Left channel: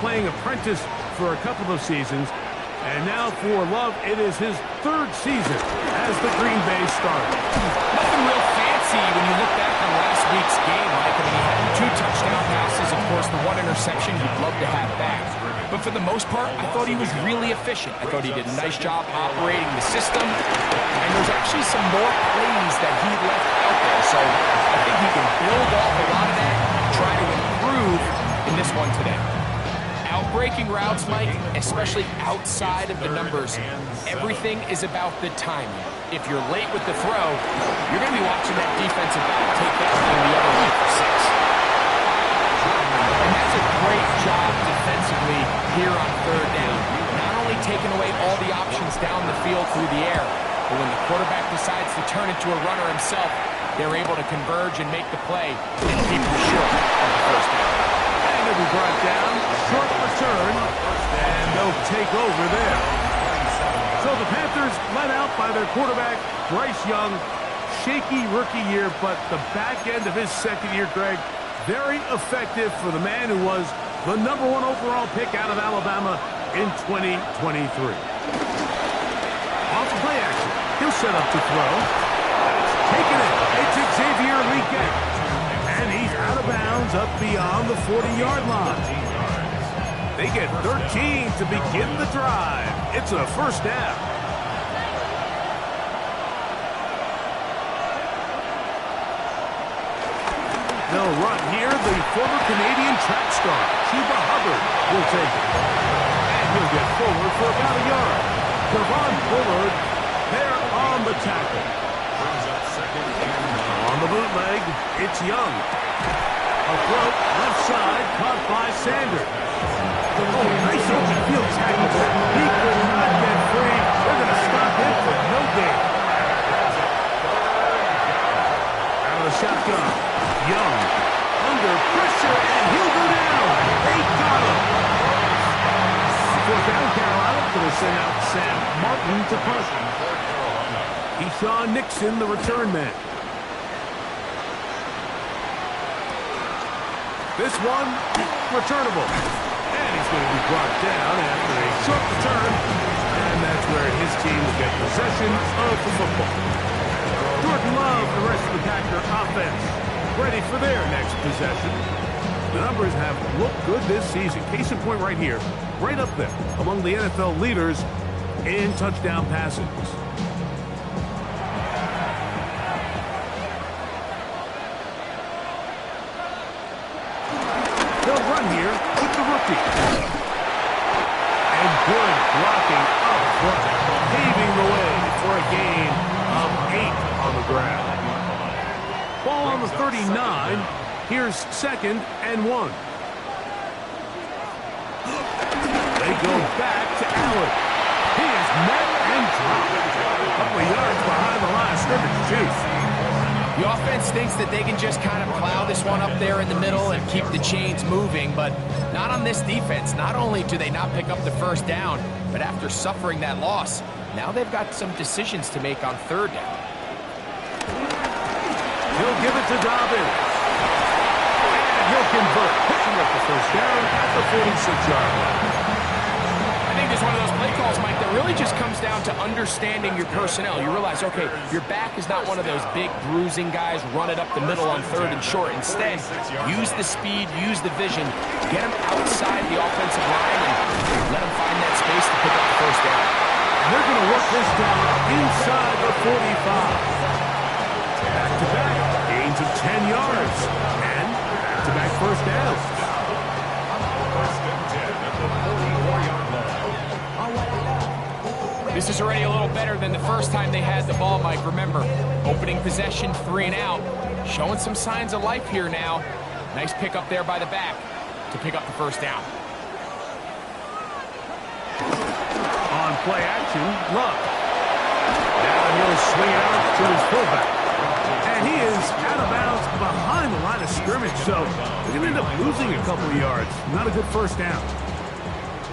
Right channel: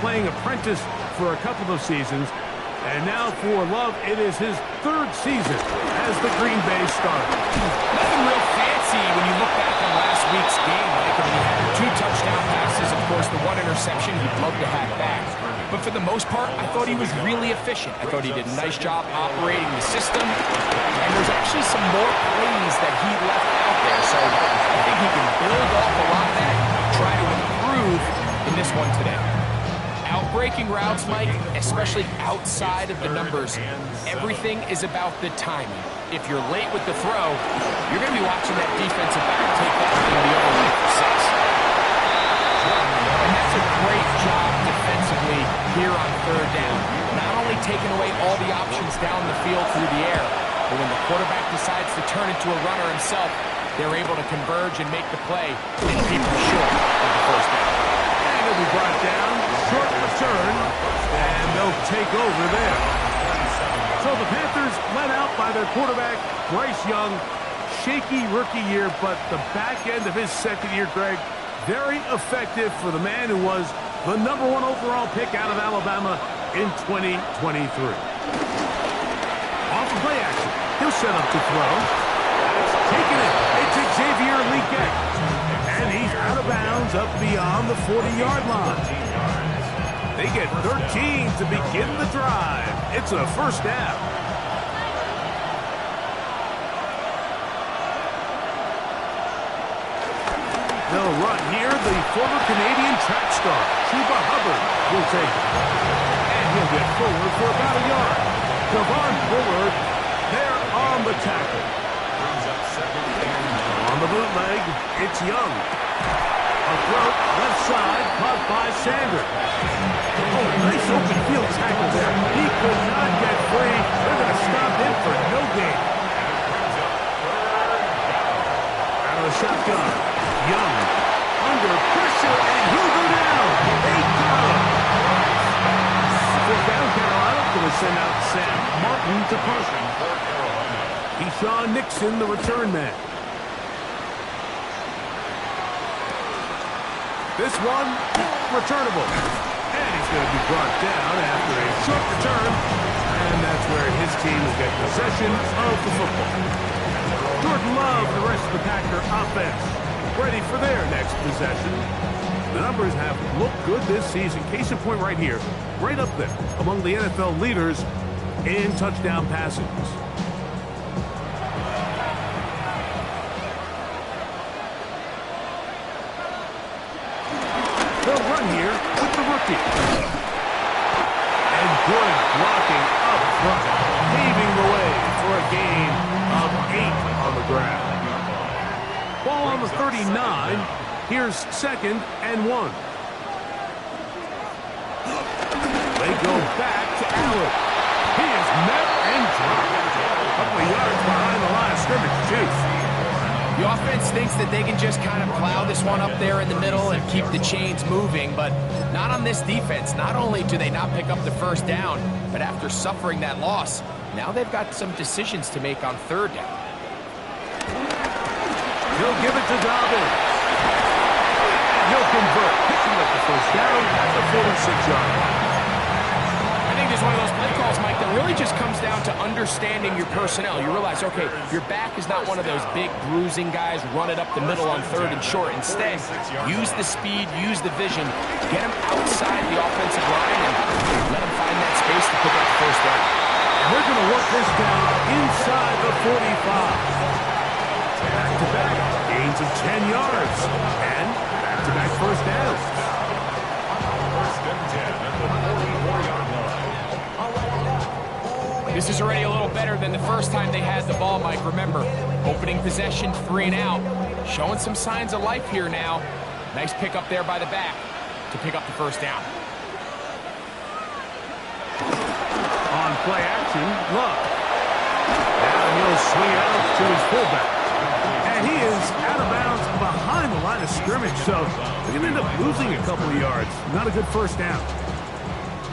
playing apprentice for a couple of seasons. And now for Love, it is his third season as the Green Bay starter. Nothing real fancy when you look back on last week's game, Mike. I mean, he had 2 touchdown passes, of course, the 1 interception he'd love to have back. But for the most part, I thought he was really efficient. I thought he did a nice job operating the system. And there's actually some more plays that he left out there. So I think he can build off a lot of that, try to improve in this one today. Outbreaking routes, Mike, especially outside of the numbers, everything is about the timing. If you're late with the throw, you're going to be watching that defensive back take that thing the other way for 6. And that's a great job defensively here on 3rd down. Not only taking away all the options down the field through the air, but when the quarterback decides to turn into a runner himself, they're able to converge and make the play and keep them short of the 1st down. He'll be brought down, short return, and they'll take over there. So the Panthers led out by their quarterback, Bryce Young. Shaky rookie year, but the back end of his 2nd year, Greg, very effective for the man who was the #1 overall pick out of Alabama in 2023. Off play action, he'll set up to throw. That's taken it. It's Xavier Legette. And he's out of bounds up beyond the 40-yard line. They get 13 to begin the drive. It's a 1st down. They'll run here. The former Canadian track star, Chuba Hubbard, will take it. And he'll get forward for about a yard. Devon Bullard there on the tackle. On the bootleg, it's Young. A throw, left side, caught by Sanders. Oh, nice open field tackle there. He could not get free. They're going to stop him for no gain. Out of the shotgun, Young under pressure, and he'll go down. They got him. 4th down, Carolina going to send out Sam Martin to punt. Eshaun Nixon, the return man. This one, returnable. And he's going to be brought down after a short return. And that's where his team will get possession of the football. Jordan Love, the rest of the Packer offense, ready for their next possession. The numbers have looked good this season. Case in point right here, right up there among the NFL leaders in touchdown passes. They'll run here with the rookie. And good blocking up front, paving the way for a gain of 8 on the ground. Ball on the 39. Here's 2nd and 1. They go back to Allen. He is met and dropped. A couple of yards behind the line of scrimmage, too. The offense thinks that they can just kind of plow this one up there in the middle and keep the chains moving, but not on this defense. Not only do they not pick up the 1st down, but after suffering that loss, now they've got some decisions to make on 3rd down. He'll give it to Dobbins. And he'll convert, picking up the 1st down at the 46-yard line. I think there's one of those play calls, Mike, that really just comes down to understanding your personnel. You realize, okay, your back is not one of those big bruising guys, run it up the middle on 3rd and short. Instead, use the speed, use the vision, get him outside the offensive line, and let him find that space to pick up the 1st down. And they're going to work this down inside the 45. Back-to-back gains of 10 yards. And back-to-back 1st downs. 1st and 10 at the 44-yard line. This is already a little better than the first time they had the ball, Mike. Remember, opening possession, 3 and out. Showing some signs of life here now. Nice pick up there by the back to pick up the 1st down. On play action, Love. Now he'll swing it out to his fullback. And he is out of bounds behind the line of scrimmage, so they're going to end up losing a couple of yards. Not a good 1st down.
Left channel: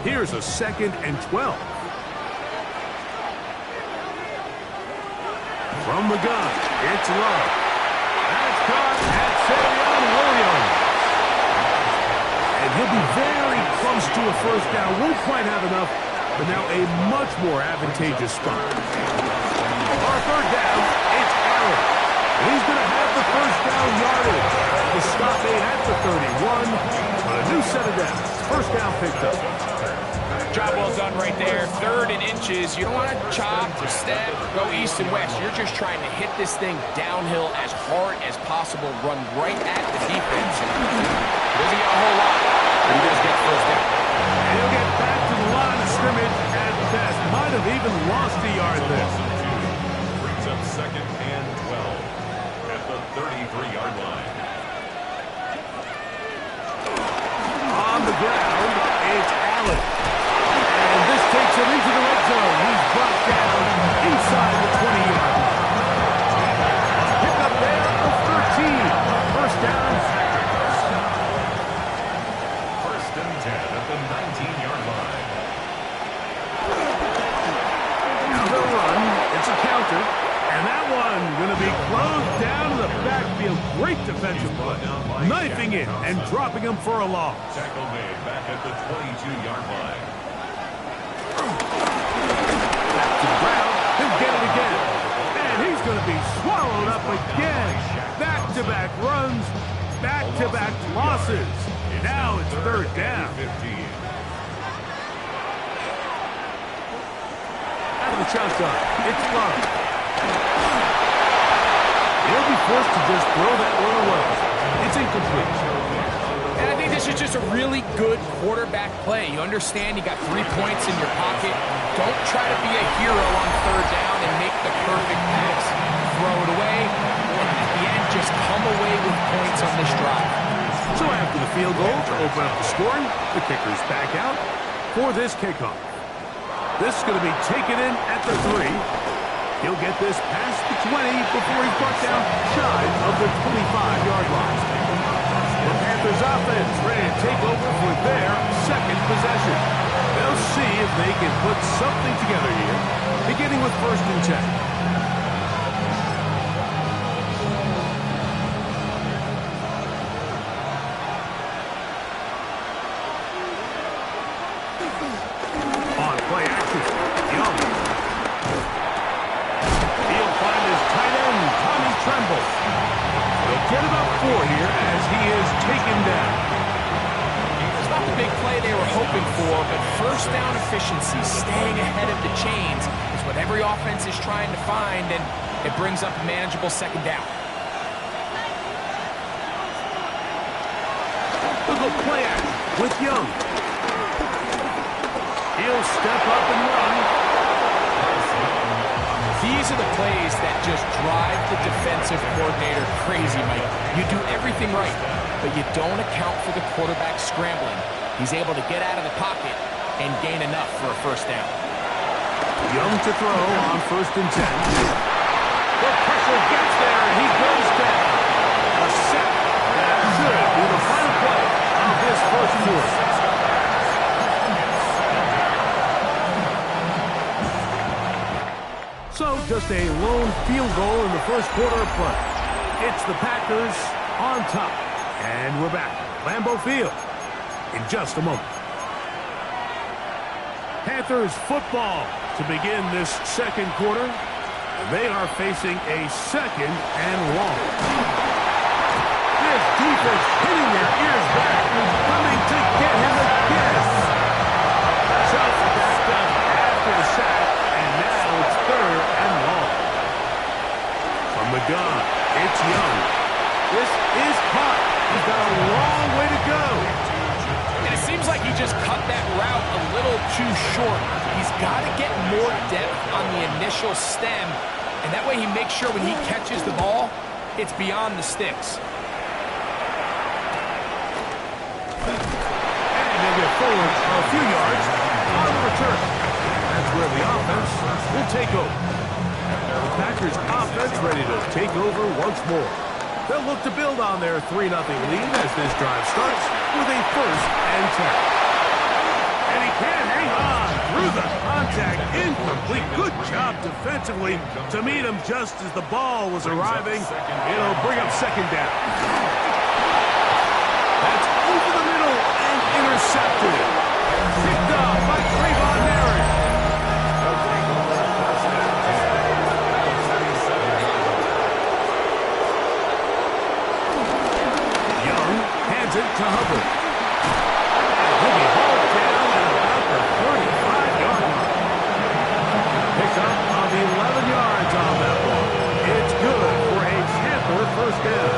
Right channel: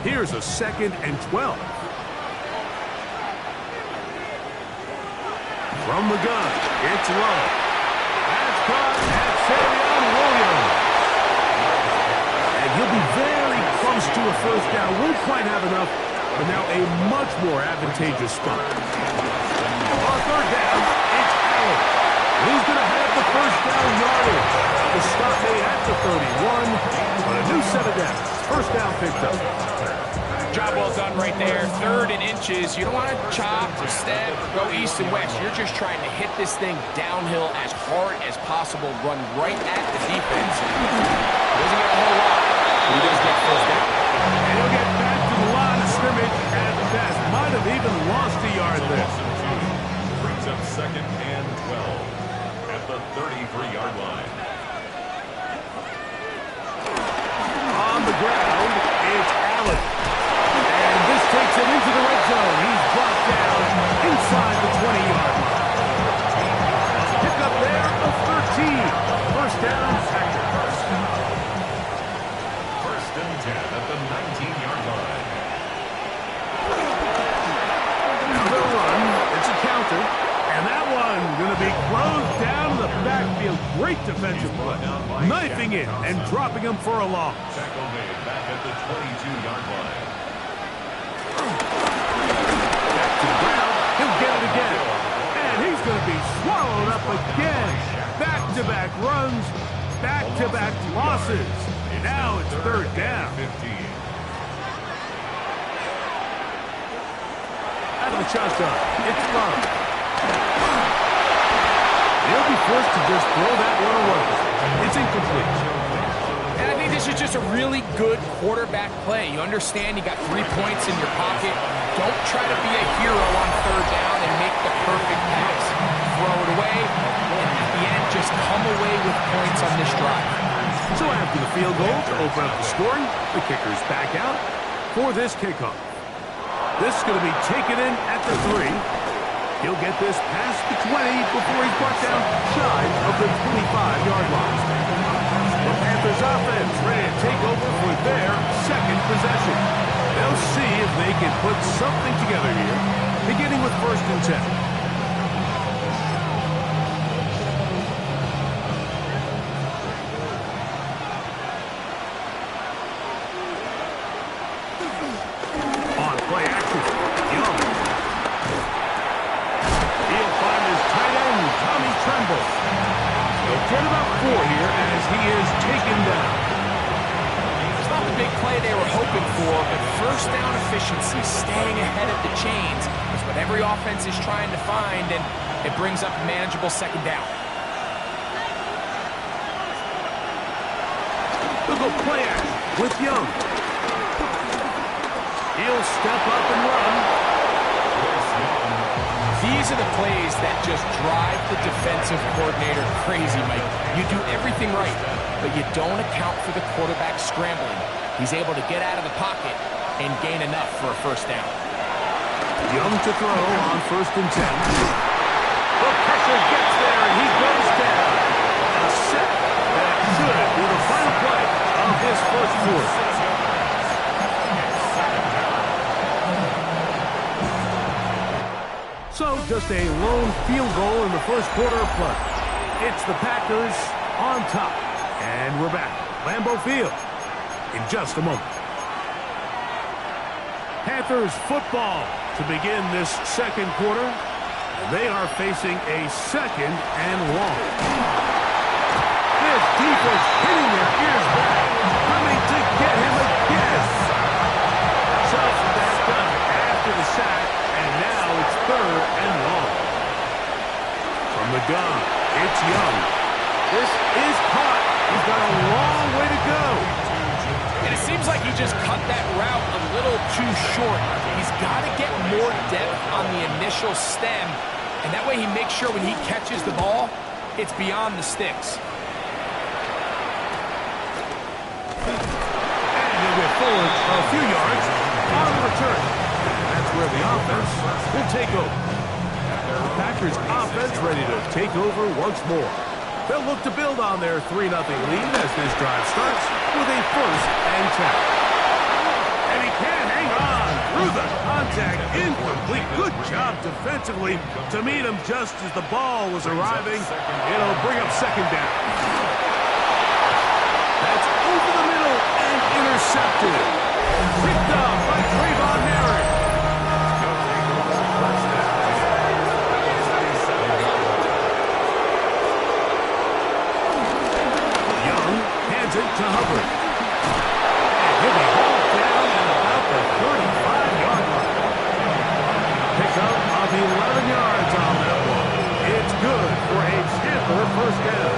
Here's a 2nd and 12. From the gun, it's Love. That's caught at Savion Williams. And he'll be very Comes to a first down. Won't quite have enough, but now a much more advantageous spot. On third down, it's Allen. And he's going to have the first down yardage. The stop made at the 31, but a new set of downs. First down picked up. Job well done right there. 3rd and inches. You don't want to chop or step or go east and west. You're just trying to hit this thing downhill as hard as possible. Run right at the defense. He doesn't get a whole lot, but he does get first down. And he'll get back to the line of scrimmage at best. Might have even lost a yard there. Brings up 2nd and 12 at the 33-yard line. On the ground, it's Allen. And this takes him into the red zone. He's brought down inside the 20-yard line. A pickup there of 13. First down, Packers. 1st and 10 at the 19-yard line. Now they'll run. It's a counter. And that one going to be closed down in the backfield. Great defensive play. Knifing it and dropping him for a loss. Tackle made back at the 22-yard line. Back to the ground. He'll get it again. And he's going to be swallowed up again. Back-to-back runs. Back-to-back losses. Now it's 3rd down. 15. Out of the shotgun. It's Love. He'll be forced to just throw that one away. It's incomplete. And I think this is just a really good quarterback play. You understand you got 3 points in your pocket. Don't try to be a hero on 3rd down and make the perfect pass. Throw it away, and at the end, just come away with points on this drive. So after the field goal to open up the scoring, the kicker's back out for this kickoff. This is going to be taken in at the 3. He'll get this past the 20 before he's brought down shy of the 25-yard line. The Panthers offense ready to take over for their 2nd possession. They'll see if they can put something together here, beginning with 1st and 10. On play action, Young. He'll find his tight end, Tommy Tremble. He'll get about 4 here as he is taken down. It's not the big play they were hoping for, but first down efficiency, staying ahead of the chains, is what every offense is trying to find, and it brings up a manageable 2nd down. They'll go play action with Young. He'll step up and run. These are the plays that just drive the defensive coordinator crazy, Mike. You do everything right, but you don't account for the quarterback scrambling. He's able to get out of the pocket and gain enough for a first down. Young to throw on 1st and 10. The pressure gets there, and he goes down. A set that should be the final play of this 1st quarter. So just a lone field goal in the 1st quarter of play. It's the Packers on top. And we're back. Lambeau Field in just a moment. Panthers football to begin this 2nd quarter. And they are facing a 2nd and long. This defense hitting their ears back, coming to get him again. So backed up after the sack, and now it's 3rd and long. From the gun, it's Young. This is caught. He's got a long way to go. And it seems like he just cut that route a little too short. He's got to get more depth on the initial stem, and that way he makes sure when he catches the ball, it's beyond the sticks. And he'll get forward a few yards on the return. That's where the offense will take over. The Packers offense ready to take over once more. They'll look to build on their 3-0 lead as this drive starts with a 1st and 10. And he can't hang on through the contact. Incomplete. Good job defensively to meet him just as the ball was arriving. It'll bring up 2nd down. That's over the middle and Intercepted. Picked up by Trayvon Merrick. Young hands it to Hubbard. And he'll be hauled down at about the 35-yard line. Pick up of 11 yards on that one. It's good for a Panther first down.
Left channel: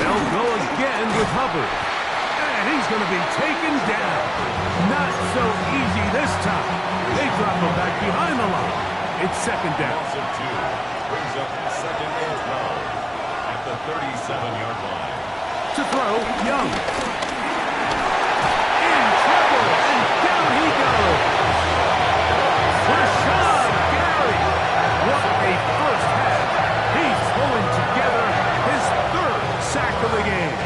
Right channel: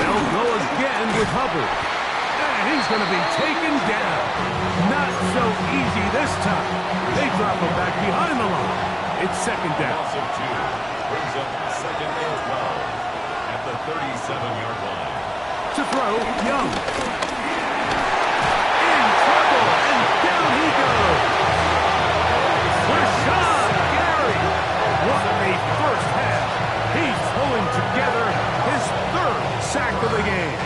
They'll go again with Hubbard. And he's going to be taken down. Not so easy this time. They drop him back behind the line. It's second down. Loss of 2 brings up second and 12 at the 37-yard line. To throw, Young. In trouble, and down he goes. Rashawn Gary. What a first half. He's pulling together his third sack of the game.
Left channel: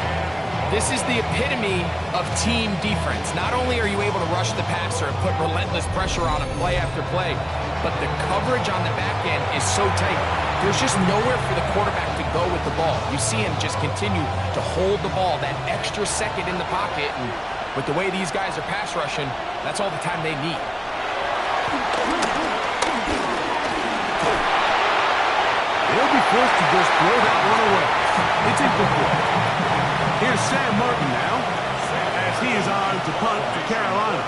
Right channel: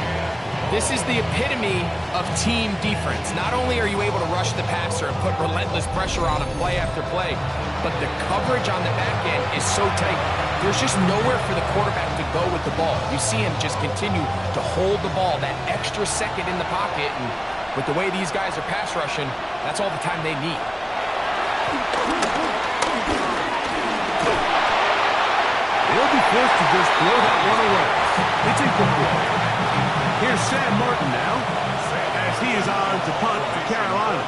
This is the epitome of team defense. Not only are you able to rush the passer and put relentless pressure on him play after play, but the coverage on the back end is so tight. There's just nowhere for the quarterback to go with the ball. You see him just continue to hold the ball that extra second in the pocket, and with the way these guys are pass rushing, that's all the time they need. They'll be forced to just throw that one away. It's incomplete. Here's Sam Martin now, as he is on to punt for Carolina.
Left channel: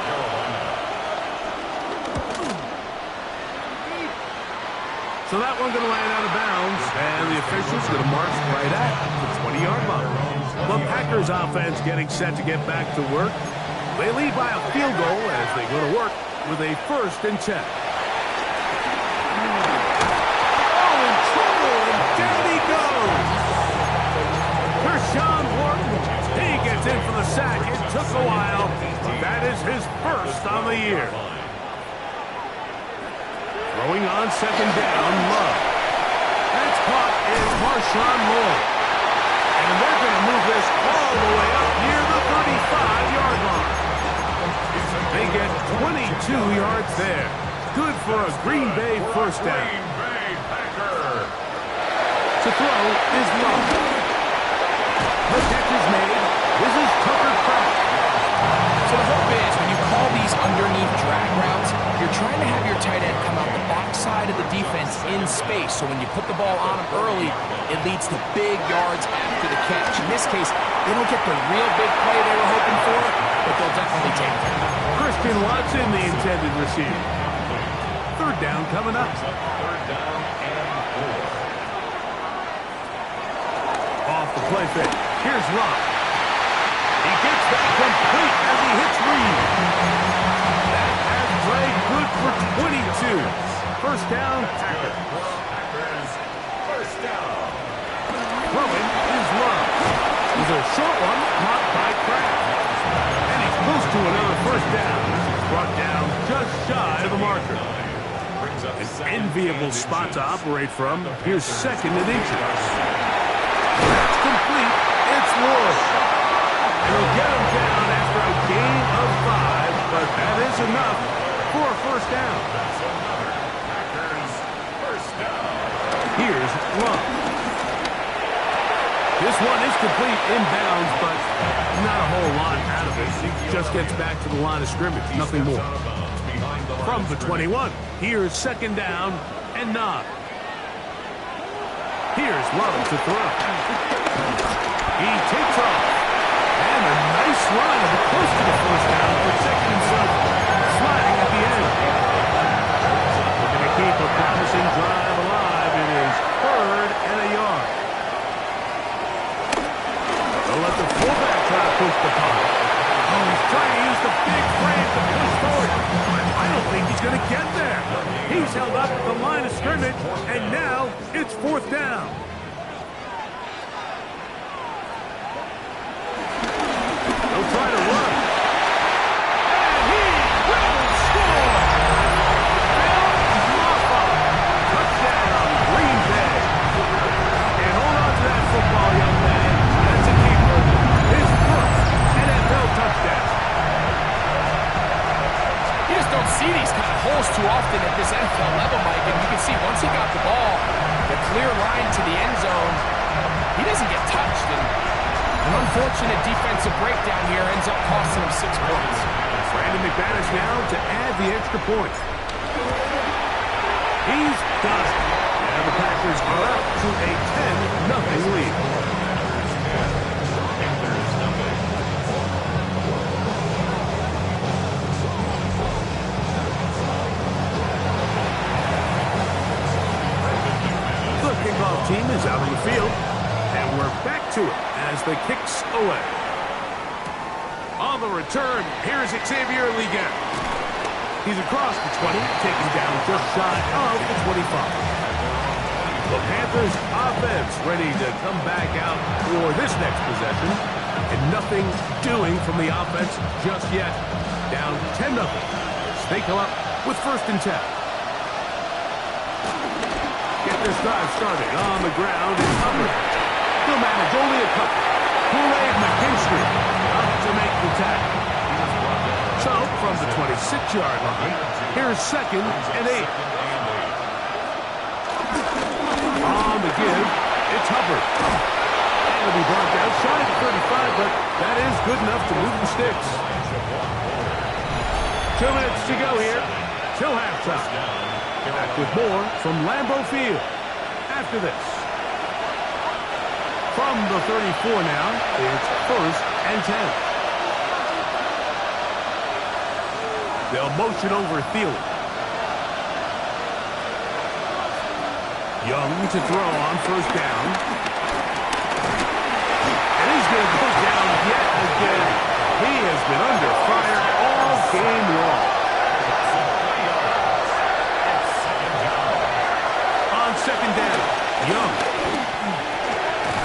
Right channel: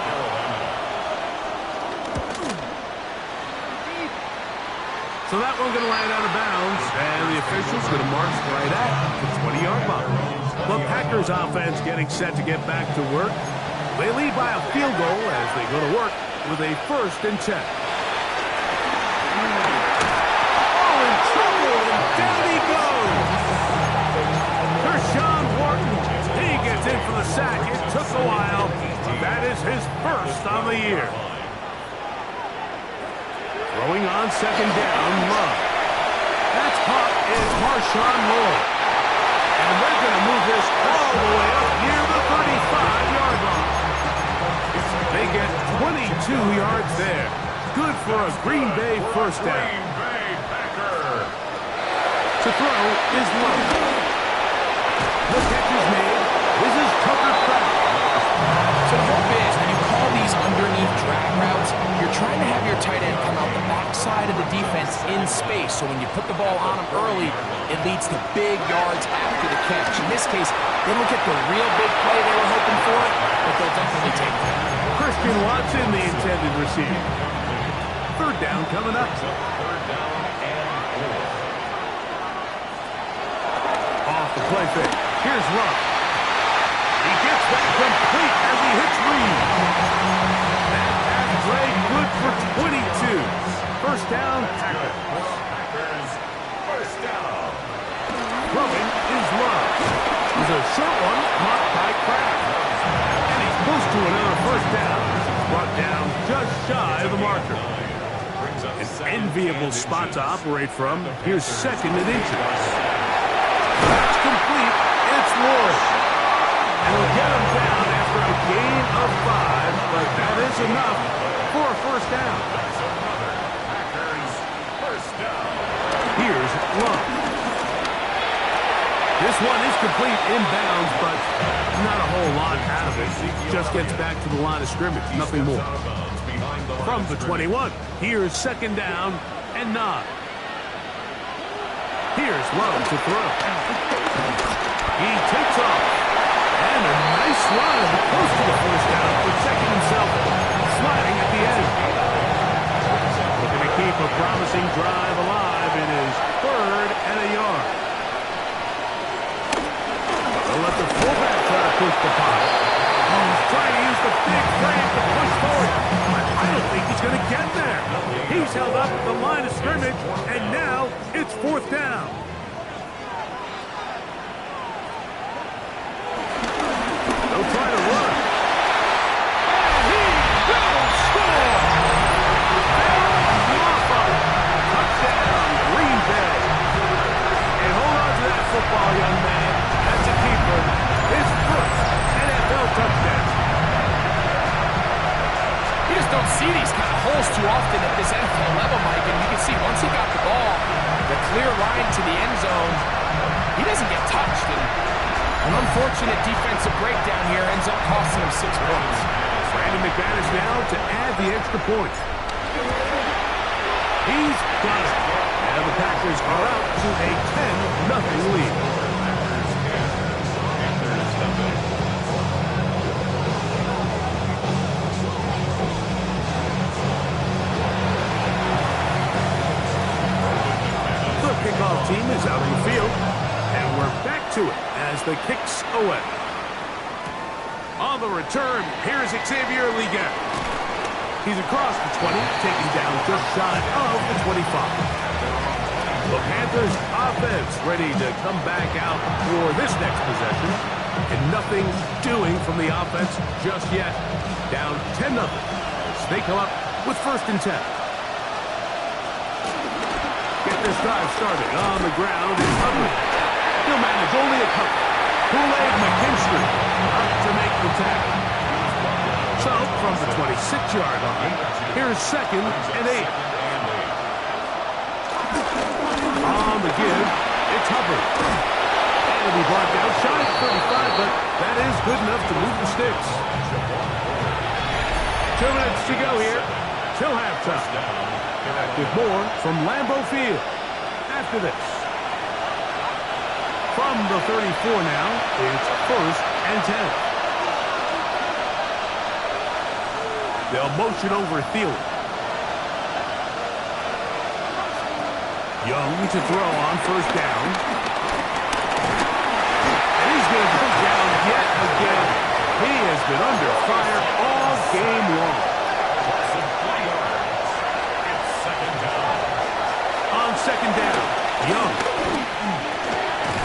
So that one going to land out of bounds, and the official's going to march right at the 20-yard line. The Packers offense getting set to get back to work. They lead by a field goal as they go to work with a 1st and 10. Oh, in trouble, and down he goes. Kershawn Wharton, he gets in for the sack. It took a while, but that is his first on the year. Throwing on second down, Love. That's caught is Marshawn Lloyd. And they're going to move this all the way up near the 35-yard line. They get 22 yards there. Good for a Green Bay first down. Green Bay Packer. To throw is Love. The catch is made. This is Tucker Kraft. So the hope is when you call these underneath drag routes, you're trying to have your tight end come out the backside of the defense in space. So when you put the ball on him early, it leads to big yards after the catch. In this case, they don't get the real big play they were hoping for, but they'll definitely take it. Christian Watson, the intended receiver. Third down coming up. Third down and 4. Off the play fake. Here's Love. He gets that complete as he hits Reed. That pass play good for 22. First down, Packers. Packers first down. Throwing is Love. It's a short one caught by Kraft. And he's close to another first down. Brought down just shy of the marker. An enviable spot to operate from. Here's second and inches. That's complete. It's Lloyd. And he'll get him down after a gain of 5, but that is enough for a first down. That's another Packers first down. Here's Love. This one is complete inbounds, but not a whole lot out of it. Just gets back to the line of scrimmage, nothing more. From the 21, here's second down and 9. Here's Love to throw. He takes off. And a nice run close to the first down, protecting himself, sliding at the end. Looking to keep a promising drive alive in his 3rd and a yard. They'll let the fullback try to push the punt. Oh, he's trying to use the big frame to push forward. But I don't think he's going to get there. He's held up at the line of scrimmage, and now it's 4th down. They'll try to run. And he will score! Phil Maffa. Touchdown, Green Bay. And hold on to that football, young man. That's a keeper. His first NFL touchdown. He just don't see these kind of holes too often at this NFL level, Mike, and you can see once he got the ball, the clear line to the end zone, he doesn't get touched, and an unfortunate defensive breakdown here ends up costing him 6 points. Brandon McManus now to add the extra point. He's got it. And the Packers are out to a 10-0 lead. Panthers nothing. The kickoff team is out on the field, and we're back to it as the kick's away. On the return, here's Xavier Liggett. He's across the 20, taken down just shy of the 25. The Panthers offense ready to come back out for this next possession, and nothing doing from the offense just yet. Down 10-0 as they come up with 1st and 10. Get this drive started on the ground is Hubbard. He'll manage only a couple. Kool-Aid McKinstry up to make the tackle. So from the 26-yard line, here's 2nd and 8. On the give, it's Hubbard. And it'll be brought down shy of 35, but that is good enough to move the sticks. 2 minutes to go here till halftime. Back with more from Lambeau Field after this. From the 34 now, it's 1st and 10. They'll motion over Thielen. Young to throw on 1st down. And he's going to go down yet again. He has been under fire all game long. It's 2nd down. On 2nd down, Young.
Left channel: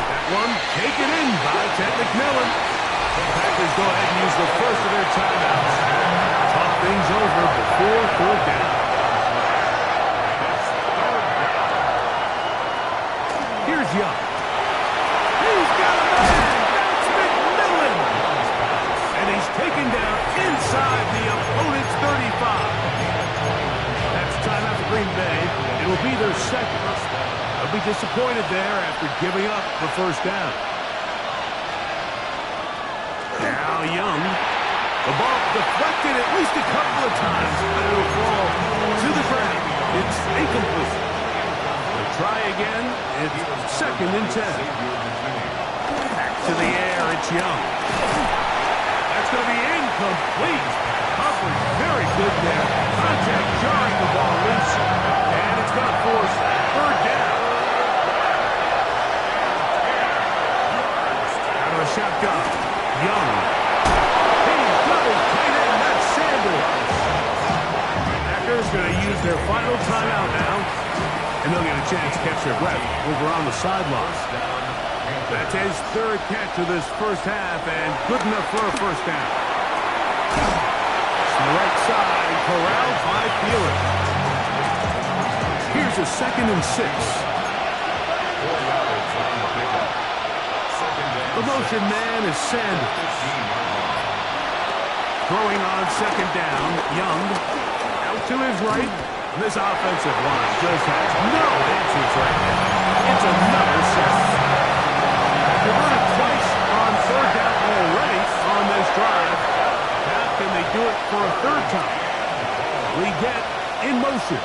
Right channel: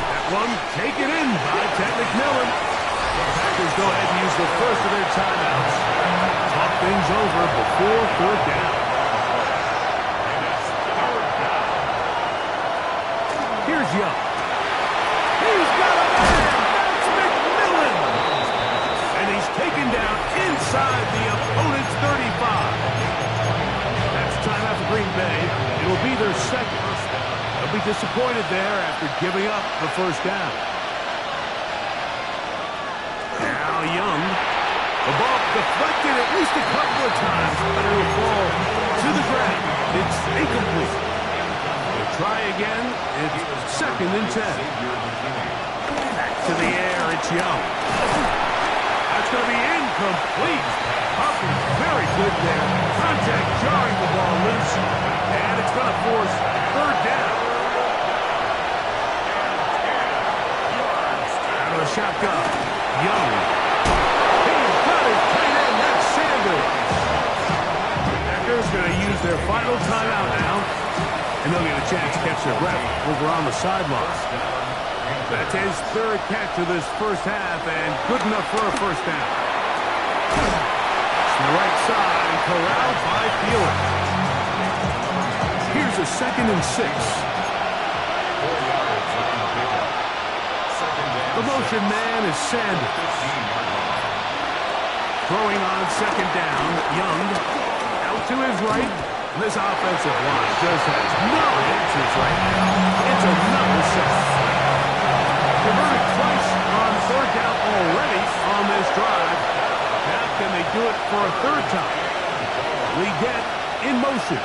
That one taken in by Ted McMillan. The Packers go ahead and use the first of their timeouts. Talk things over before 3rd down. Here's Young. He's got a man. That's McMillan. And he's taken down inside the opponent's 35. That's timeout for Green Bay. It'll be their 2nd. They'll be disappointed there after giving up the 1st down. Now Young. The ball deflected at least a couple of times, but it'll fall to the ground. It's incomplete. Try again. It's 2nd and 10. Back to the air. It's Young. That's going to be incomplete. Hubbard very good there. Contact jarring the ball loose. And it's going to force 3rd down. Out of the shotgun. Young. He's got his tight end. That's Sanders. Packers going to use their final timeout now. And they'll get a chance to catch their breath over on the sideline. That's his 3rd catch of this 1st half, and good enough for a 1st down. To the right side, and corralled by Thielen. Here's a 2nd and 6. 4 yards on the pickup. 2nd down. The motion man is Sanders. 15-yard line. Throwing on 2nd down, Young. Out to his right. This offensive line just has no answers right now. It's another sack. Converted twice on 3rd down already on this drive. Now can they do it for a 3rd time? Liggett in motion.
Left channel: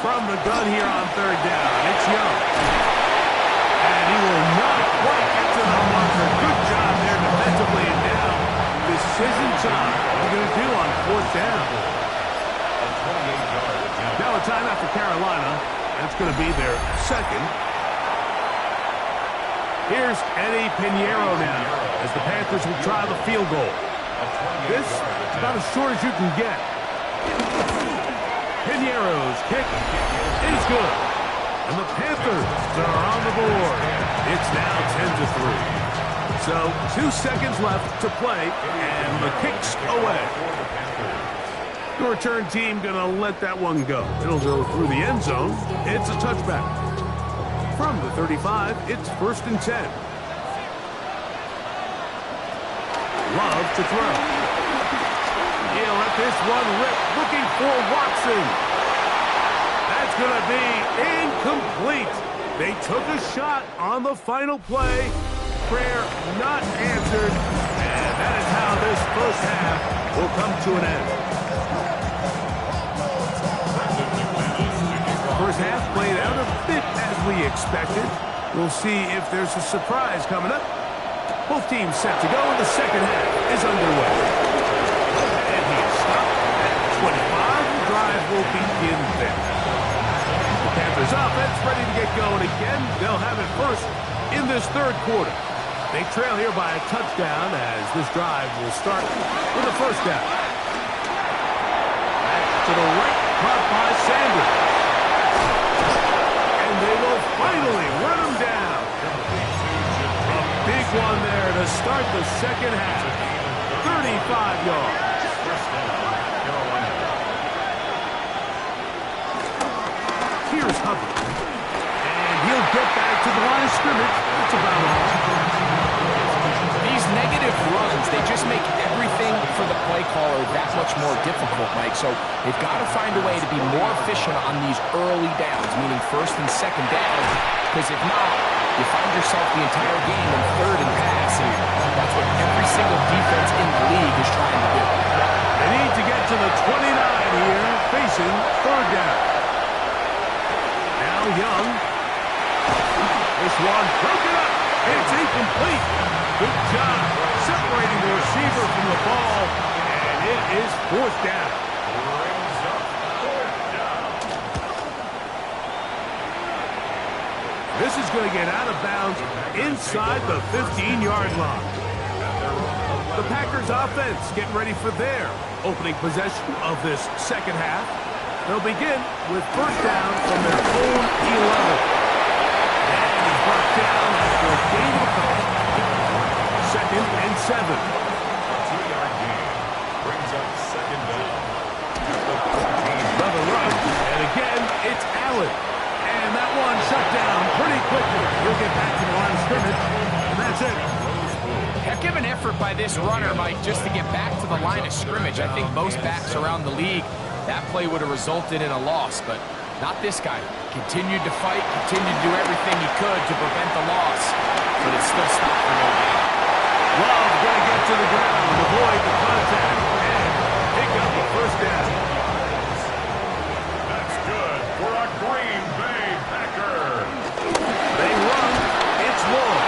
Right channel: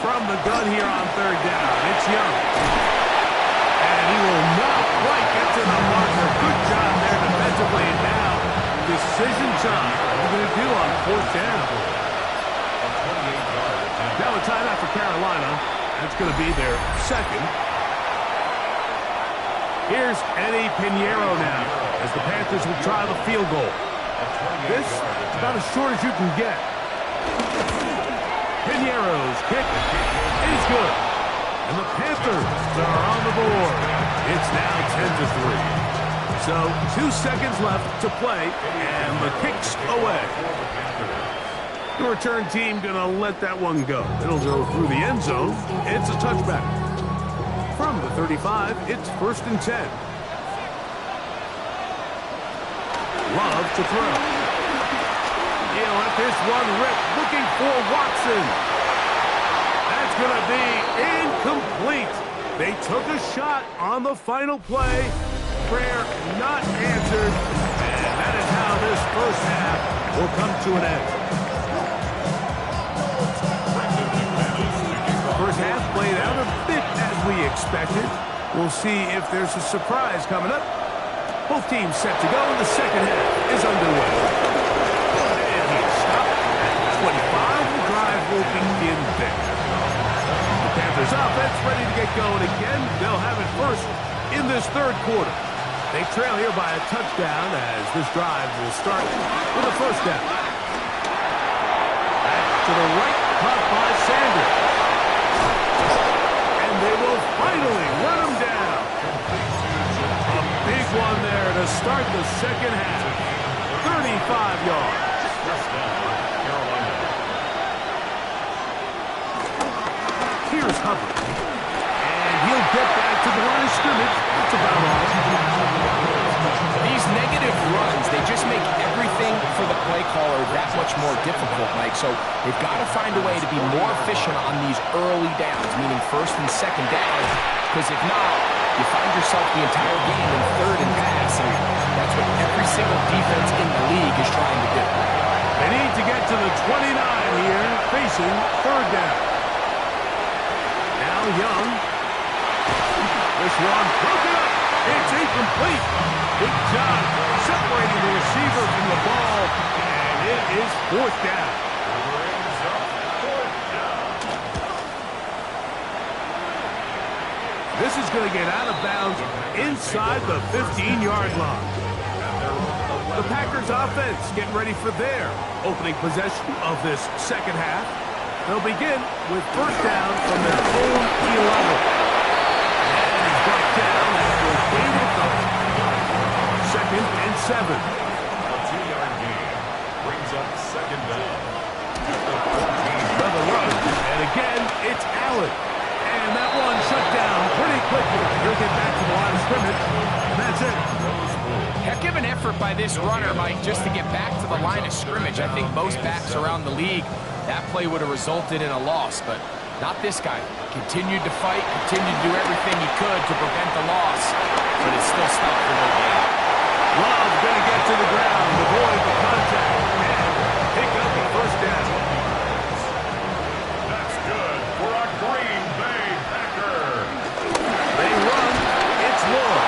From the gun here on 3rd down, it's Young. And he will not quite get to the marker. Good job there defensively, and now decision time. What are we going to do on 4th down? A 28-yard attempt. Now a timeout for Carolina. That's going to be their 2nd. Here's Eddie Pinheiro now as the Panthers will try the field goal. This is about as short as you can get. Pinheiro's kick is good. And the Panthers are on the board. It's now 10-3. So 2 seconds left to play, and the kick's away. The return team going to let that one go. It'll go through the end zone. It's a touchback. From the 35, it's 1st and 10. Love to throw. He'll let this one rip, looking for Watson. That's going to be incomplete. They took a shot on the final play. Prayer not answered. And that is how this first half will come to an end. First half played out a bit as we expected. We'll see if there's a surprise coming up. Both teams set to go, and the second half is underway. And he's stopped at 25. The drive will begin there. The Panthers offense ready to get going again. They'll have it first in this third quarter. They trail here by a touchdown as this drive will start with a first down. Back to the right, caught by Sanders. And they will finally run him down. A big one there to start the second half. 35 yards. First down, Carolina. Here's Hubbard. And he'll get back to the line of scrimmage. That's about all. These negative runs, they just make everything for the play caller that much more difficult, Mike. So they've got to find a way to be more efficient on these early downs, meaning first and second down, because if not, you find yourself the entire game in third and pass, and that's what every single defense in the league is trying to do. They need to get to the 29 here, facing third down. Now Young. This one broken up. It's incomplete. Good job separating the receiver from the ball, and it is fourth down. Brings up fourth down. This is going to get out of bounds inside the 15-yard line. The Packers offense getting ready for their opening possession of this second half. They'll begin with first down from their own 11. And he's brought down after a gain of a couple. Second and 7. A 2-yard gain brings up second down. At the 14. Another run, and again, it's Allen. And that one shut down pretty quickly. He'll get back to the line of scrimmage, and that's it. Heck of an effort by this runner, Mike, just to get back to the line of scrimmage. I think most backs around the league, that play would have resulted in a loss, but not this guy. Continued to fight, continued to do everything he could to prevent the loss, but it still stopped for no gain. Love going to get to the ground, avoid the contact, and pick up a first down. That's good for a Green Bay Packer. They run. It's Lloyd.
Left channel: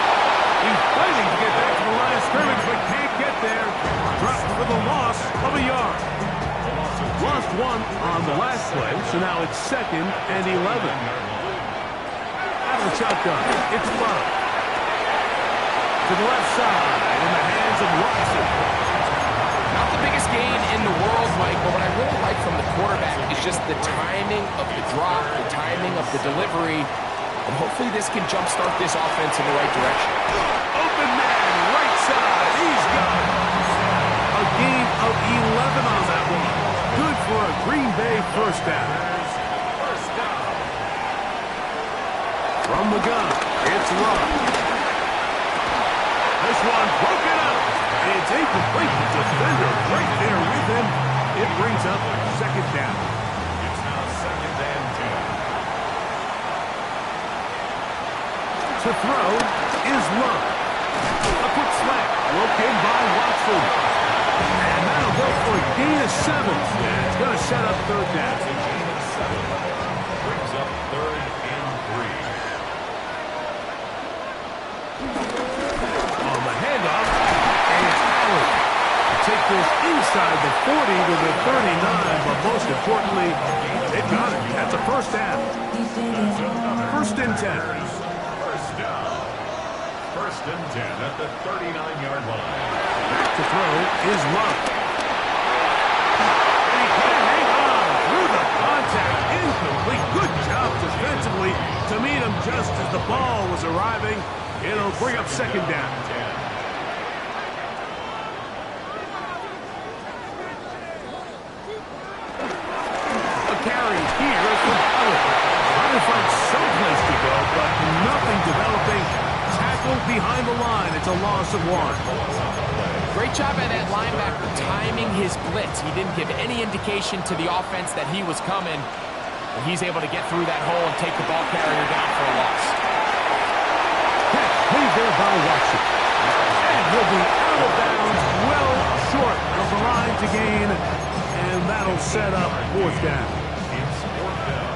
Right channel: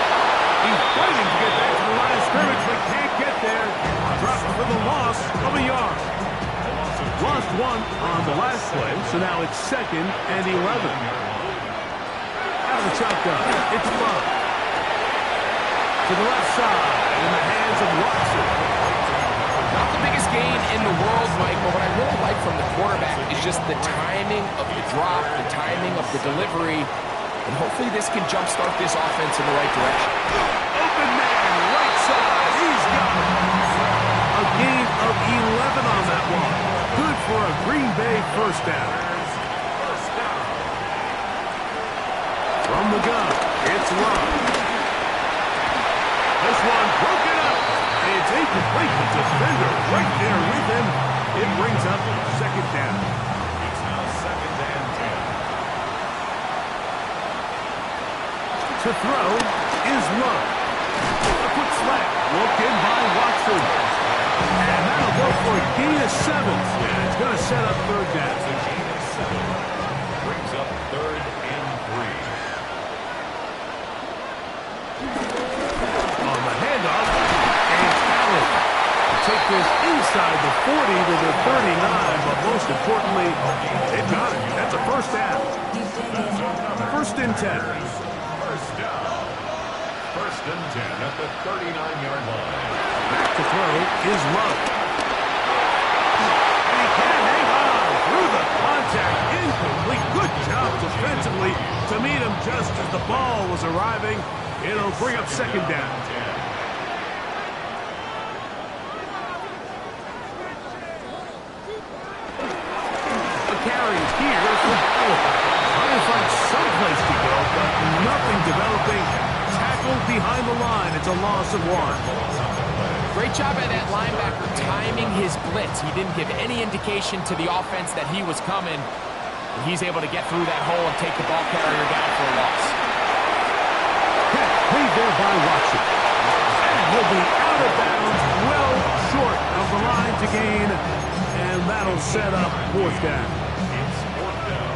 He's fighting to get back to the line of scrimmage, but can't get there. Dropped for the loss of a yard. Lost one on the last play, so now it's second and 11. Out of the shotgun, it's Love. To the left side, in the hands of Watson. Not the biggest gain in the world, Mike, but what I really like from the quarterback is just the timing of the drop, the timing of the delivery, and hopefully this can jumpstart this offense in the right direction. Open man, right side, he's got it. A gain of 11 on that one. Good for a Green Bay first down. From the gun, it's Love. This one broken up. It's incomplete. The defender right there with him. It brings up second down. It's now second and 10. To throw is Love. A quick slant. Looked in by Watson. And that'll go for a gain of 7. And it's going to set up third down. It's a gain of 7. Brings up third and 3. On the handoff, and it's Allen. Take this inside the 40 to the 39, but most importantly, they've got it. That's a first down. First and 10. First down. First and 10 at the 39-yard line. Back to throw is Love. And he can't hang on through the contact. Incomplete. Good job defensively to meet him just as the ball was arriving. It'll bring up second down. A carry here from Allen. Trying to find someplace to go, but nothing developing. Tackle tackle behind the line. It's a loss of 1. Great job by that linebacker timing his blitz. He didn't give any indication to the offense that he was coming. And he's able to get through that hole and take the ball carrier down for a loss. Catch made there by Watson. And he'll be out of bounds, well short of the line to gain. And that'll set up 4th down. It's 4th down.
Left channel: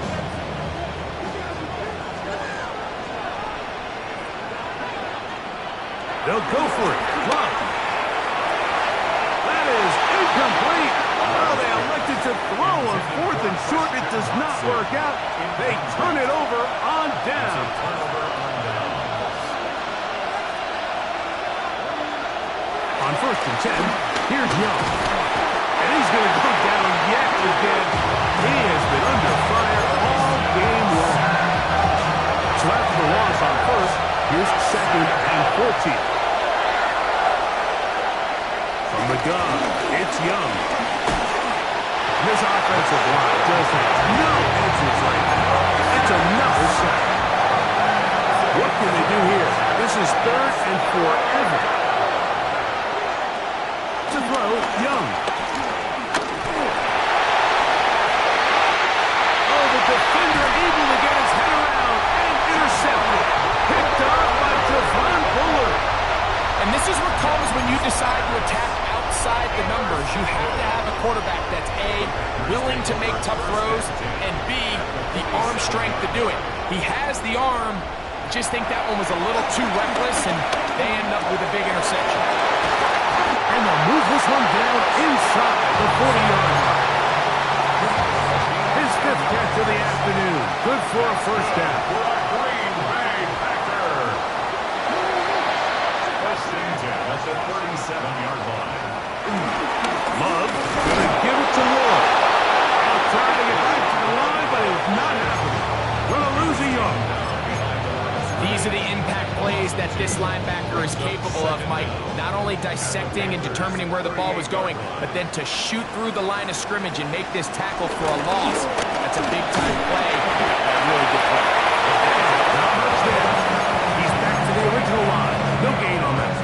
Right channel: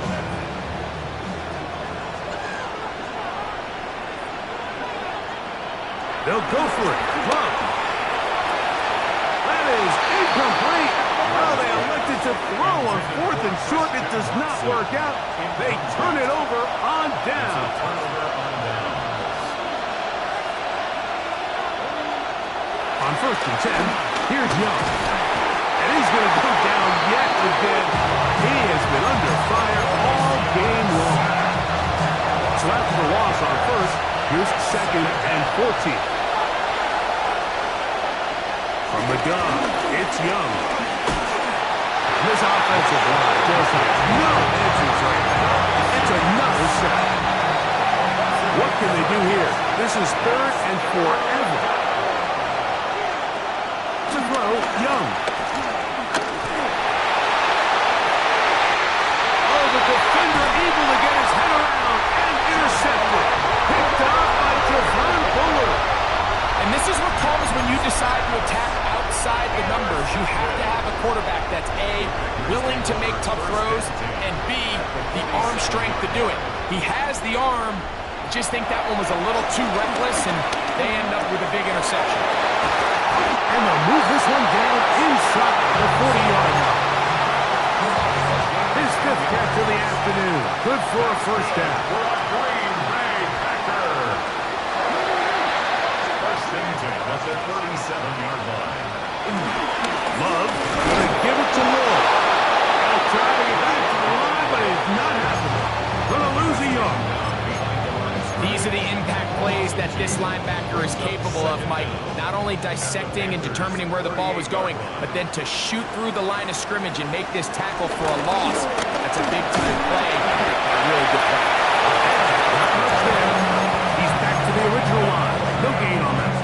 They'll go for it. Love. That is incomplete. Oh, they elected to throw on 4th and short. It does not work out. They turn it over on down. Turnover on down. On 1st and 10, here's Young. And he's going to go down yet again. He has been under fire all game long. So after the loss on 1st, here's 2nd and 14. From the gun, it's Young. This offensive line just has no answers right now. It's another sack. What can they do here? This is 3rd and forever. To throw, Young. Oh, the defender able to get his head around and intercepted. Picked off by Javon Buller. And this is what comes when you decide to attack outside the numbers. You have to have a quarterback that's A, willing to make tough throws, and B, the arm strength to do it. He has the arm. I just think that one was a little too reckless, and they end up with a big interception. And they'll move this one down inside the 40-yard line. His 5th catch of the afternoon. Good for a 1st down. For a Green Bay Packer. 1st and 10 at the 37-yard line. Love going to give it to Lloyd. He'll try to get back to the line, but it's not happening. Going to lose a yard. These are the impact plays that this linebacker is capable of, Mike. Not only dissecting and determining where the ball was going, but then to shoot through the line of scrimmage and make this tackle for a loss. That's a big-time play and a really good play. Not much there. He's back to the original line. No gain on that.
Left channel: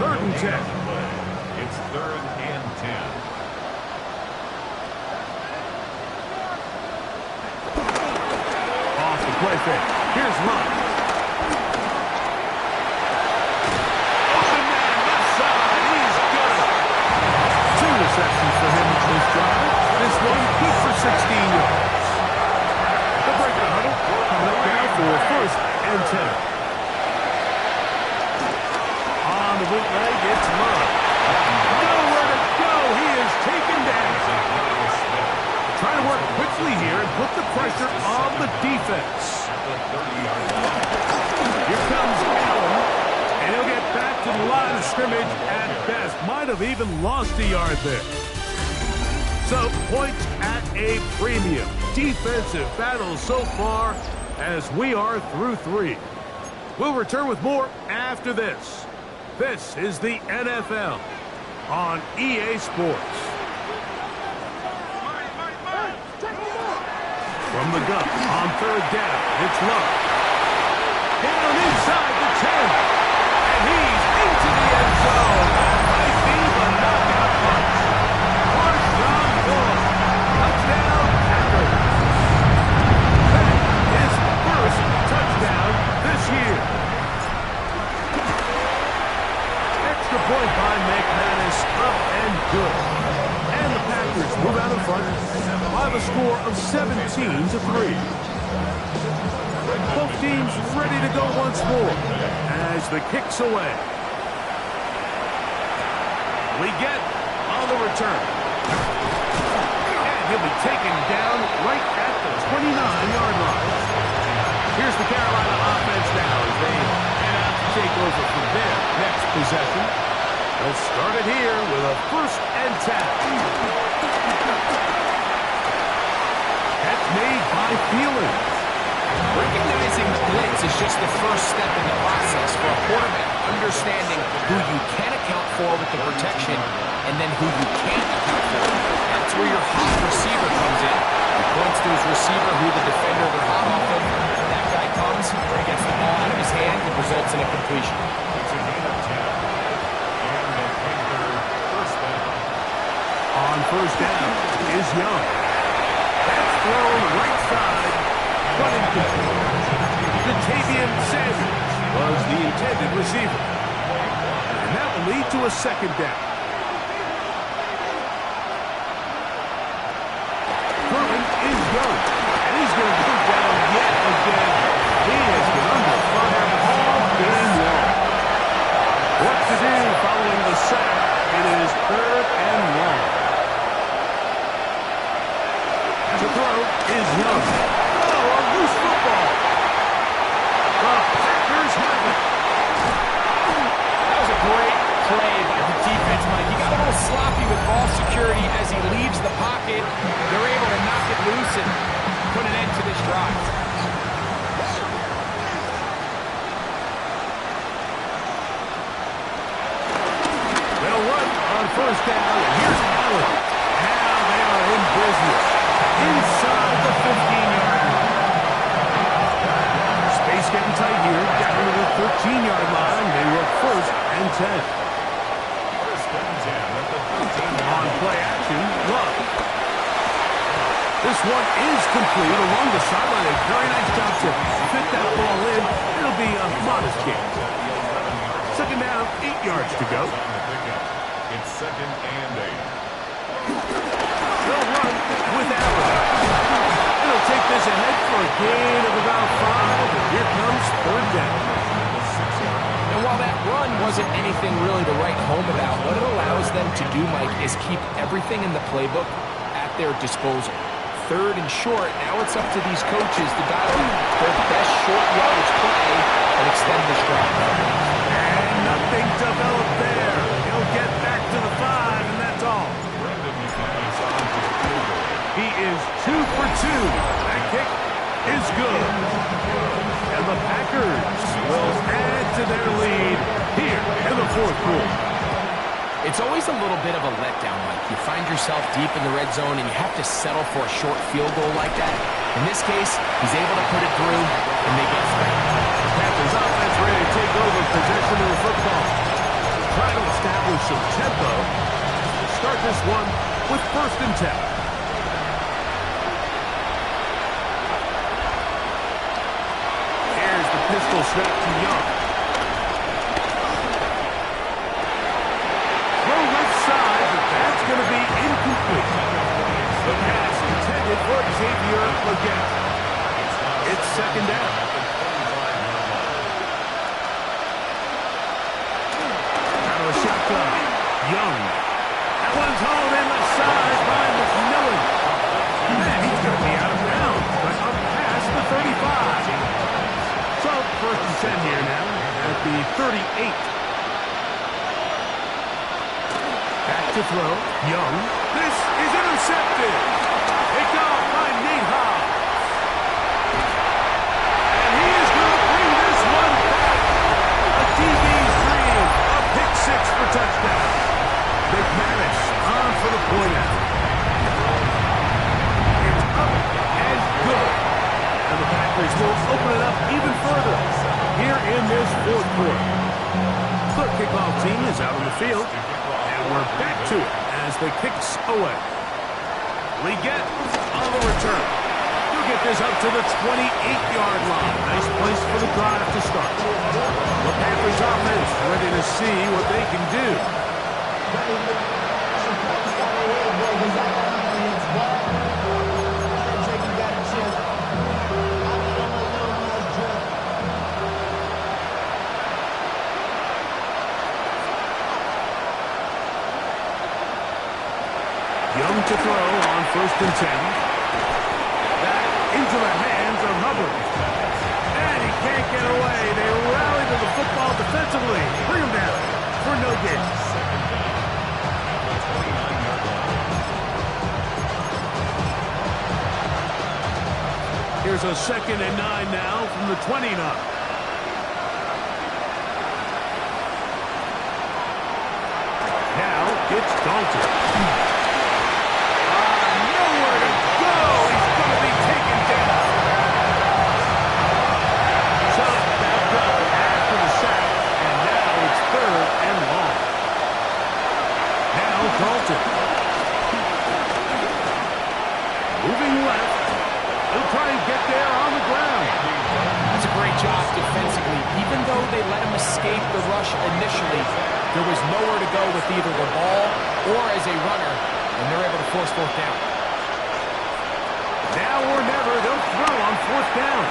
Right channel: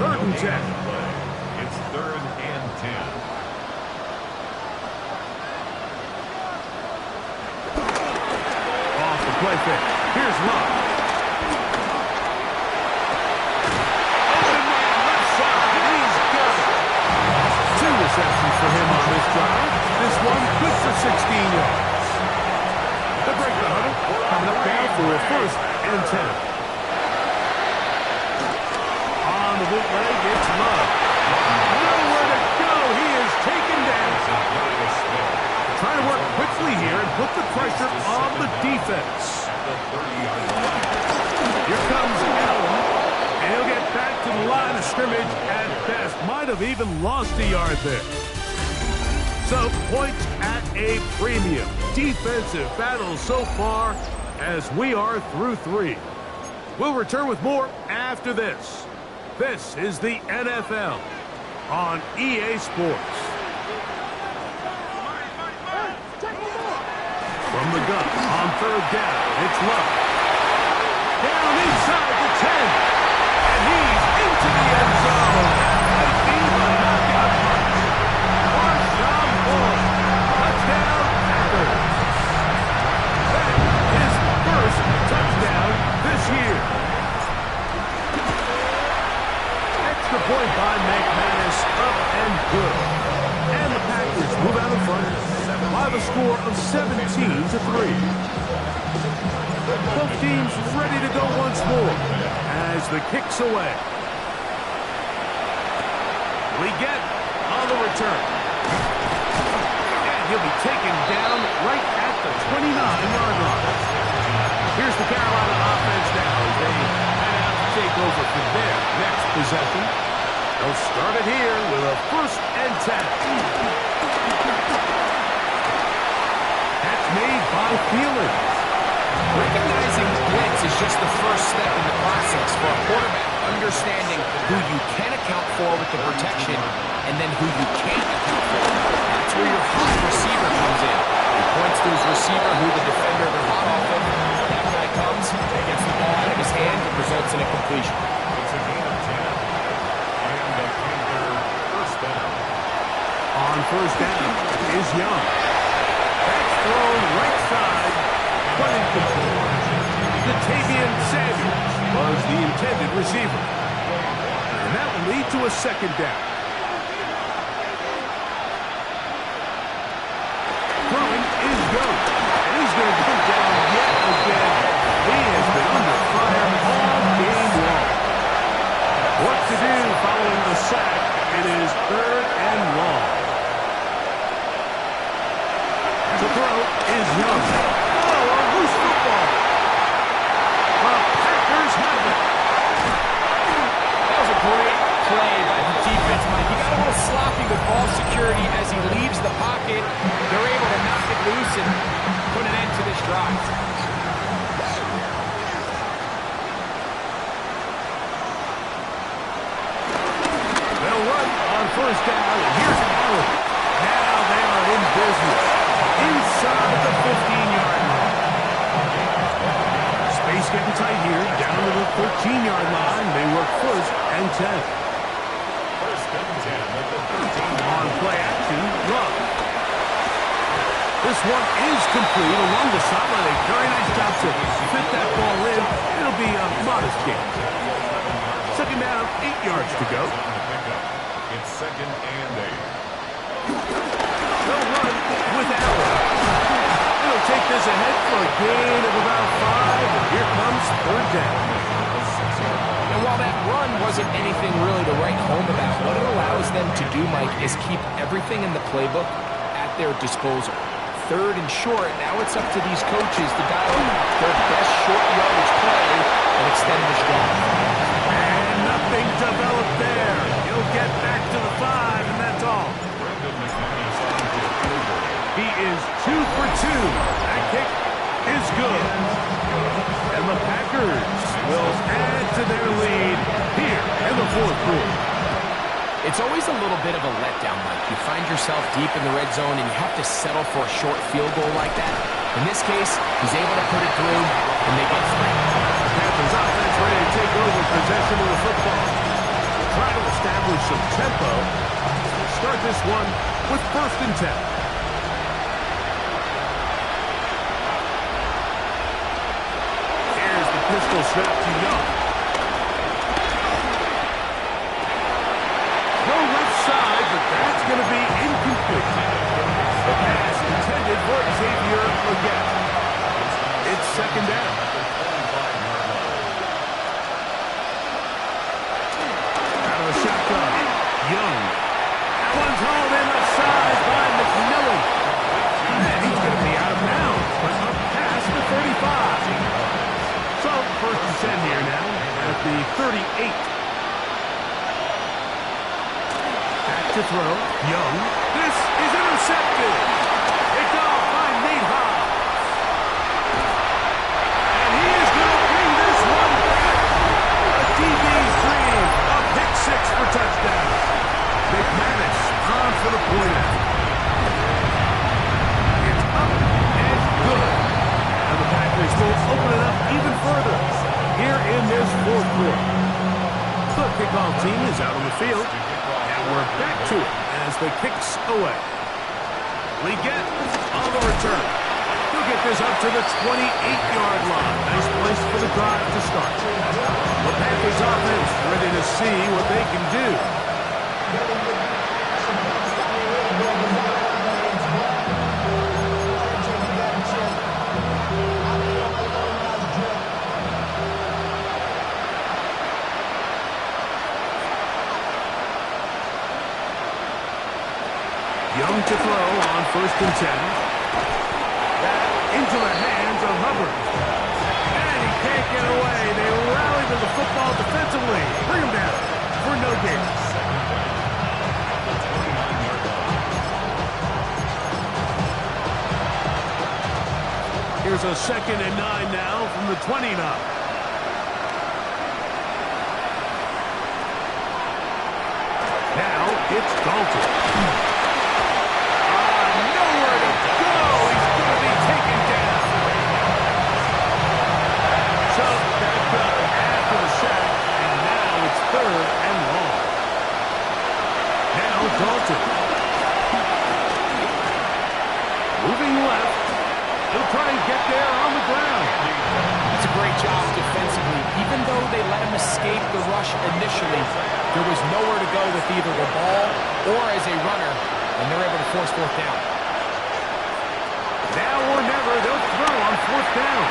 3rd and 10. It's 3rd and 10. Off the play fake. Here's Love. Open man, left side. He's got it. 2 receptions for him on this drive. This one good for 16 yards. The break the huddle. Coming up now for a 1st and 10. On the bootleg, it's Love. Nowhere to go. He is taken down. Trying to work quickly here and put the pressure on the defense. At the 30-yard line. Here comes Allen, and he'll get back to the line of scrimmage at best. Might have even lost a yard there. So, points at a premium. Defensive battle so far as we are through 3. We'll return with more after this. This is the NFL on EA Sports. From the gun, on 3rd down, it's Love. Down inside the 10. And he's into the end zone. That might be the knockout punch. Marshawn Lynch. Touchdown, Packers. That is his 1st touchdown this year. Extra point by McManus, up and good. And the Packers move out in front by the score of 17-3. Both teams ready to go once more as the kick's away. We get on the return. And he'll be taken down right at the 29-yard line. Here's the Carolina offense now as they head out to take over for their next possession. They'll start it here with a 1st and 10. That's made by Thielen. Recognizing the blitz is just the first step in the process for a quarterback, understanding who you can account for with the protection and then who you can't account for. That's where your hot receiver comes in. He points to his receiver, who the defender they're hot off of. That guy comes, gets the ball out of his hand, and results in a completion. It's a gain of 10. And the Panther first down. On first down is Young. That's thrown right side, but incomplete. Jatavian Sanders was the intended receiver. And that will lead to a second down. Throwing is Young. And he's going to come down yet again. He has been under fire all game long. What to do following the sack? It is 3rd and long. To throw is Young. Oh, a loose football. The Packers have it. That was a great play by the defense, Mike. He got a little sloppy with ball security as he leaves the pocket. They're able to knock it loose and put an end to this drive. They'll run on first down, and here's Allen. Now they are in business. Inside the 15-yard line. Space getting tight here. Down to the 13-yard line. They work 1st and 10. 1st and 10 at the 13-yard On line. play action, Love. This one is complete along the sideline. A very nice job to fit that ball in. It'll be a modest gain. Second down, 8 yards to go. On the pickup. It's 2nd and 8. They'll run with Allen. It'll take this ahead for a gain of about 5, and here comes 3rd down. The 6-yard line. And while that run wasn't anything really to write home about, what it allows them to do, Mike, is keep everything in the playbook at their disposal. 3rd and short, now it's up to these coaches to dial up their best short yardage play and extend this drive. And nothing developed there. He'll get back to the 5, and that's all. Brendan McManus on for the field goal. He is 2 for 2. That kick is good. And the Packers will add to their lead here in the 4th quarter. It's always a little bit of a letdown, Mike. You find yourself deep in the red zone and you have to settle for a short field goal like that. In this case, he's able to put it through, and they get 3. The Panthers offense ready to take over possession of the football. Try to establish some tempo. Start this one with 1st and 10. Here's the pistol snap to Young. Throw left side, but that's going to be incomplete. The pass intended for Xavier Legette. It's 2nd down. At the 25-yard line. Out of the shotgun, Young. That one's hauled in left side by McMillan. And he's going to be out of bounds, but up past the 35. So, 1st and 10 here now at the 38. Back to throw, Young. This is intercepted. Picked off by Nate Hobbs. And he is going to bring this one back. A DB's dream. A pick 6 for touchdown. McManus on for the point out. It's up and good. And the Packers will open it up even further here in this 4th quarter. The kickoff team is out on the field, and we're back to it as the kick's away. Legette on the return. He'll get this up to the 28-yard line. Nice place for the drive to start. The Panthers offense ready to see what they can do. Young to throw on 1st and 10. That into the hands of Hubbard. And he can't get away. They rally to the football defensively. Bring him down for no gain. 2nd down at the 29-yard line. Here's a 2nd and 9 now from the 29. Now it's Dalton. Nowhere to go. He's going to be taken down. So back up after the though they let him escape the rush initially, there was nowhere to go with either the ball or as a runner, and they're able to force fourth down. Now or never, they'll throw on fourth down.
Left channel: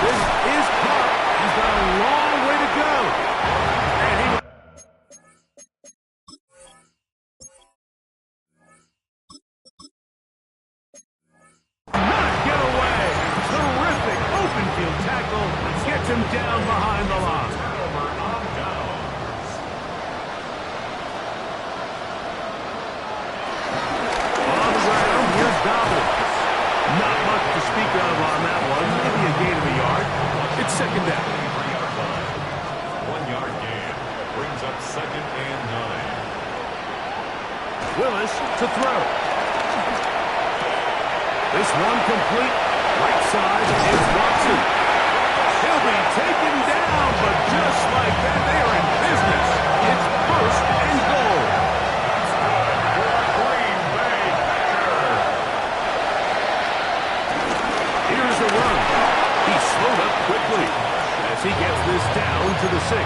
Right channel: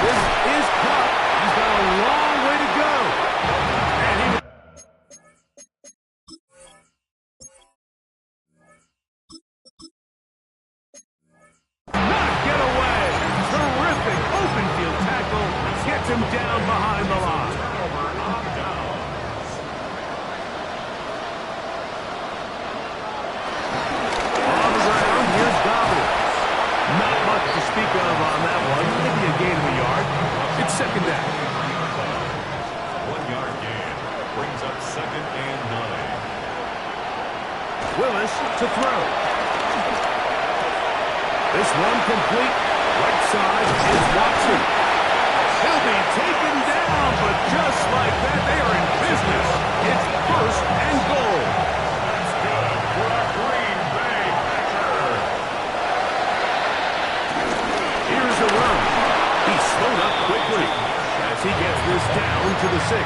This is Cup. He's got a long way to go. And he not get away. Terrific open field tackle. Gets him down behind the line. Turnover on downs. On the ground, here's Dobbins. Not much to speak of on that one. Maybe a gain of a yard. It's second down. 1 yard gain. Brings up second and 9. Willis to throw. This one complete. Right side is Watson. He'll be taken down, but just like that, they are in business. It's first and goal. That's good for a Green Bay Packer. Here's a run. He slowed up quickly as he gets this down to the 6.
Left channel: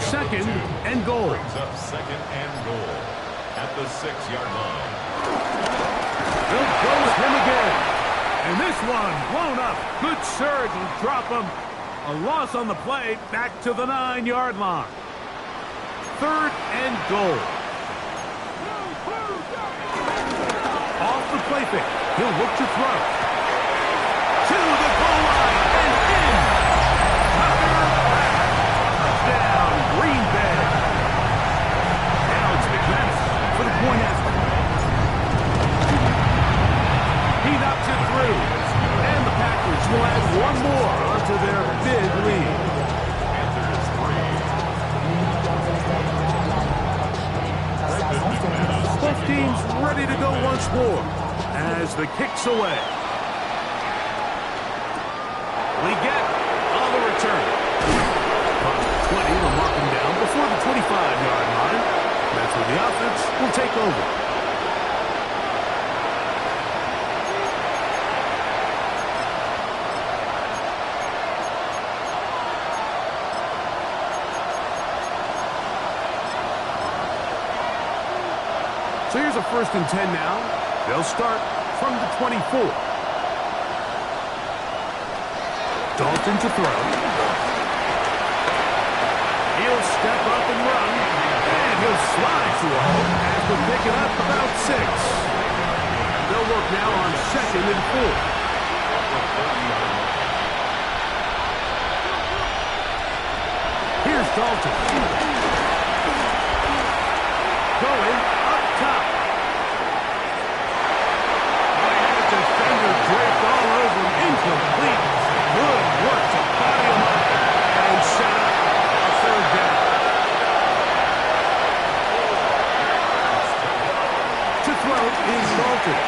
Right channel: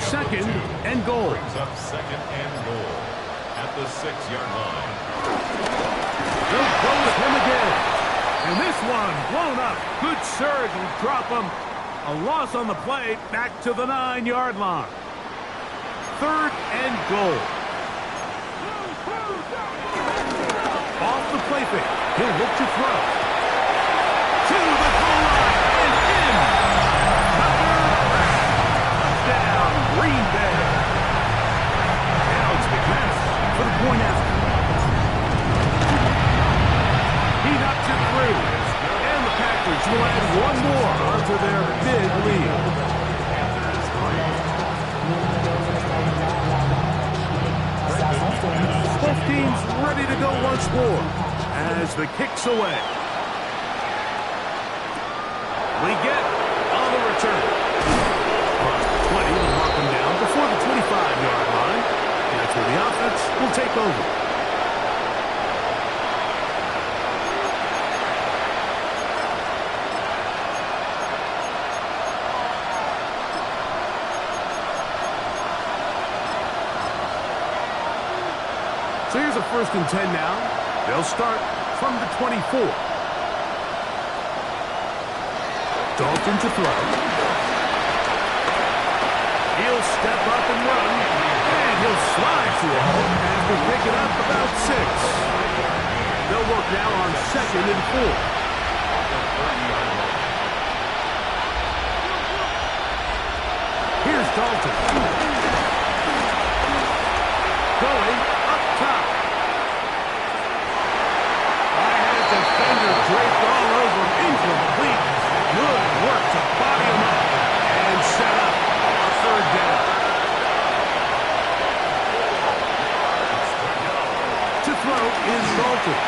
Second and goal. Brings up second and goal at the 6-yard line. They'll go with him again. And this one blown up. Good surge will drop him. A loss on the play back to the 9-yard line. Third and goal. Off the play fake. He'll look to throw. To the goal line and in. Tucker back. Touchdown, Green Bay. Now it's McManus for the point after. He knocks it through. And the Packers will add one more onto their big lead. Panthers 3. Both teams ready to go once more as the kick's away. We get on the return. Across the 20, they'll mark him down before the 25-yard line. That's where the offense will take over. So here's a 1st and 10 now. They'll start from the 24. Dalton to throw. He'll step up and run. And he'll slide to a halt after picking up about 6. They'll work now on 2nd and 4. Here's Dalton. Going up top. I had a defender draped all over him. Incomplete. Good work to body him up and set up a 3rd down. To throw is Dalton.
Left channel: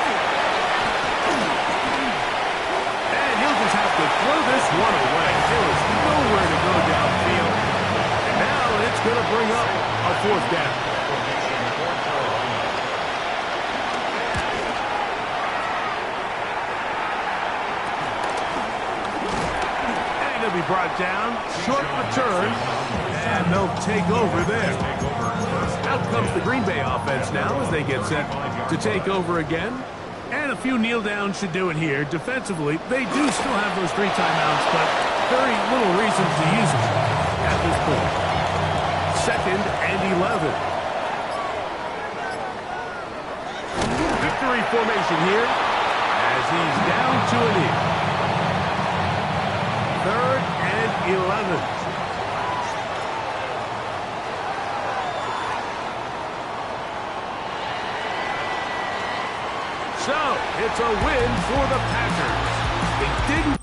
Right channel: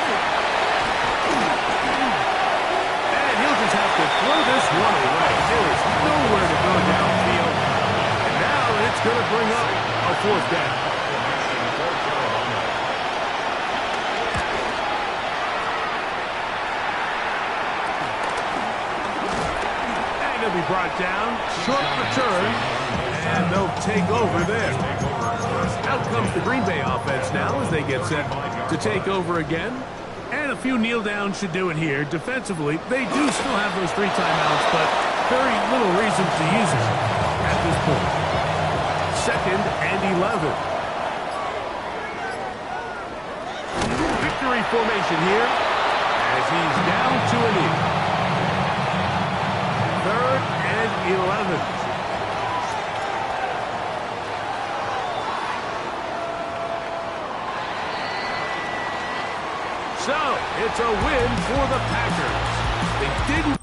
And he'll just have to throw this one away. There is nowhere to go downfield. And now it's going to bring up a 4th down. He'll be brought down. Short return. And they'll take over there. Out comes the Green Bay offense now as they get set to take over again. And a few kneel downs should do it here. Defensively, they do still have those 3 timeouts, but very little reason to use them at this point. 2nd and 11. Victory formation here as he's down to a knee. 3rd and 11. So, it's a win for the Packers. They didn't